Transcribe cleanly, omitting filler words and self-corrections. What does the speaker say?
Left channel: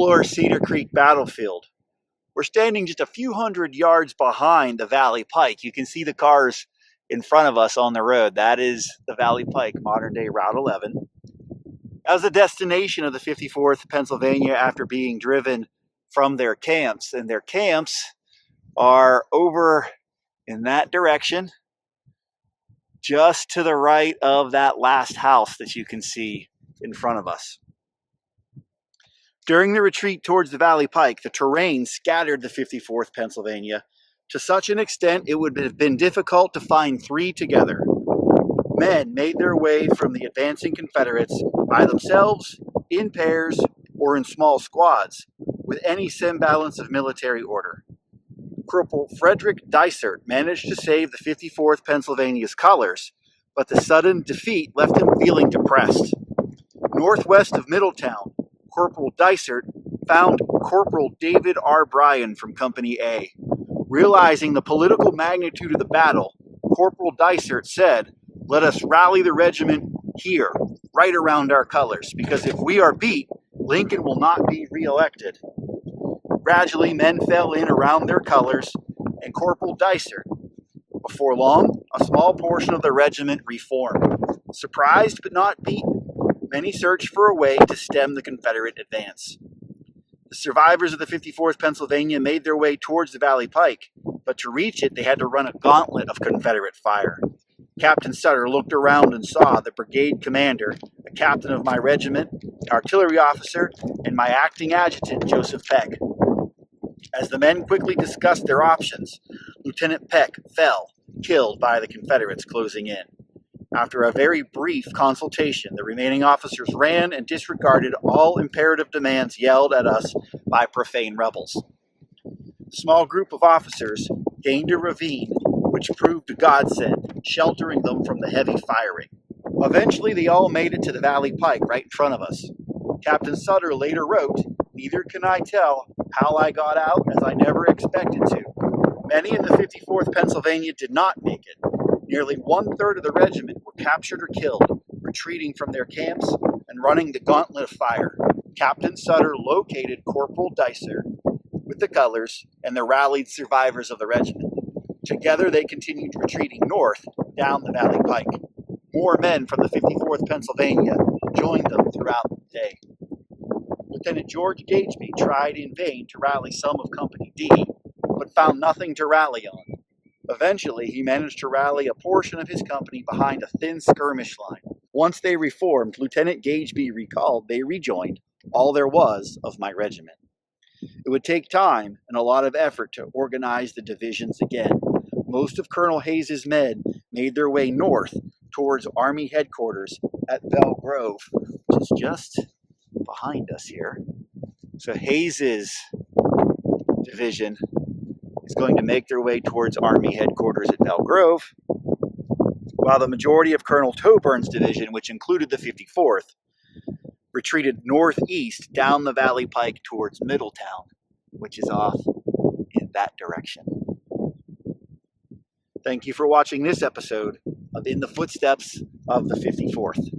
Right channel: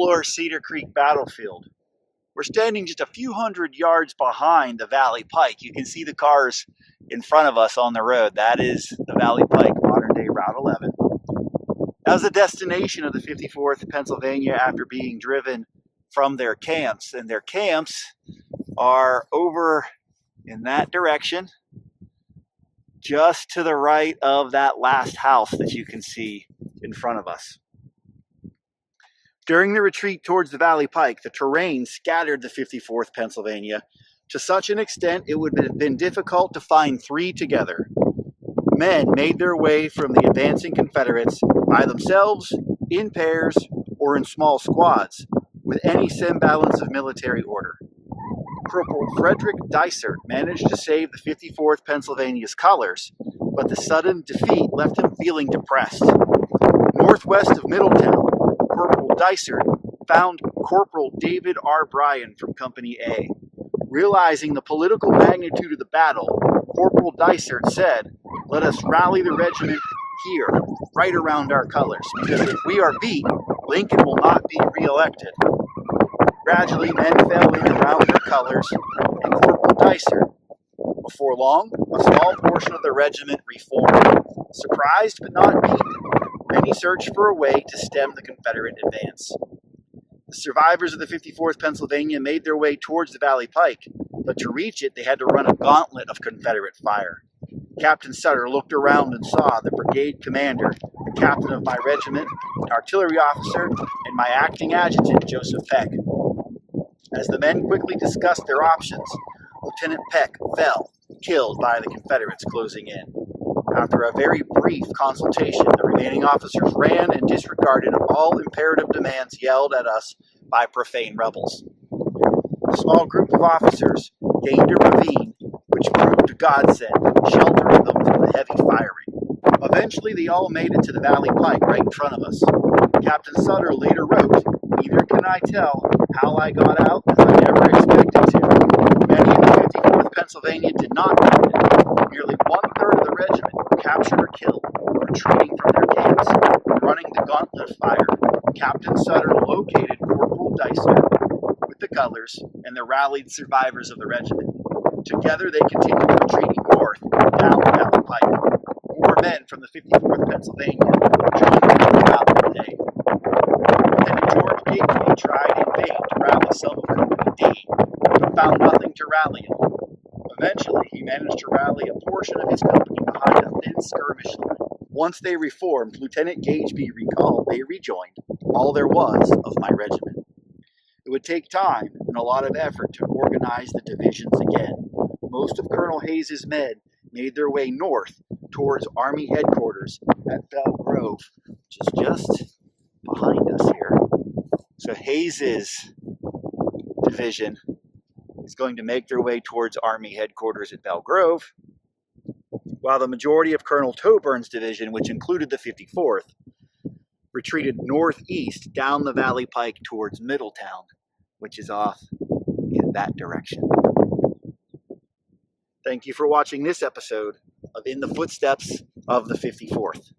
explore Cedar Creek battlefield. We're standing just a few hundred yards behind the Valley Pike. You can see the cars in front of us on the road. That is the Valley Pike, modern day Route 11. That was the destination of the 54th Pennsylvania after being driven from their camps. And their camps are over in that direction, just to the right of that last house that you can see in front of us. During the retreat towards the Valley Pike, the terrain scattered the 54th Pennsylvania to such an extent it would have been difficult to find three together. Men made their way from the advancing Confederates by themselves, in pairs, or in small squads, with any semblance of military order. Corporal Frederick Dysart managed to save the 54th Pennsylvania's colors, but the sudden defeat left him feeling depressed. Northwest of Middletown, Corporal Dysart found Corporal David R. Bryan from Company A. Realizing the political magnitude of the battle, Corporal Dysart said, "Let us rally the regiment here, right around our colors, because if we are beat, Lincoln will not be re-elected." Gradually, men fell in around their colors, and Corporal Dysart. Before long, a small portion of the regiment reformed. Surprised but not beaten, many searched for a way to stem the Confederate advance. The survivors of the 54th Pennsylvania made their way towards the Valley Pike, but to reach it, they had to run a gauntlet of Confederate fire. Captain Cedar looked around and saw the brigade commander, the captain of my regiment, an artillery officer, and my acting adjutant, Joseph Peck. As the men quickly discussed their options, Lieutenant Peck fell, killed by the Confederates closing in. After a very brief consultation, the remaining officers ran and disregarded all imperative demands yelled at us by profane rebels. A small group of officers gained a ravine, which proved a godsend, sheltering them from the heavy firing. Eventually, they all made it to the Valley Pike right in front of us. Captain Cedar later wrote, "Neither can I tell how I got out, as I never expected to. Many in the 54th Pennsylvania did not make it. Nearly one-third of the regiment were captured or killed, retreating from their camps and running the gauntlet of fire. Captain Cedar located Corporal Dysart with the colors and the rallied survivors of the regiment. Together they continued retreating north down the Valley Pike. More men from the 54th Pennsylvania joined them throughout the day. Lieutenant George Gageby tried in vain to rally some of Company D, but found nothing to rally on. Eventually, he managed to rally a portion of his company behind a thin skirmish line. Once they reformed, Lieutenant Gageby recalled they rejoined all there was of my regiment. It would take time and a lot of effort to organize the divisions again. Most of Colonel Hayes's men made their way north towards Army headquarters at Belle Grove, which is just behind us here. So Hayes's division is going to make their way towards Army headquarters at Belle Grove, while the majority of Colonel Toburn's division, which included the 54th, retreated northeast down the Valley Pike towards Middletown, which is off in that direction. Thank you for watching this episode of In the Footsteps of the 54th.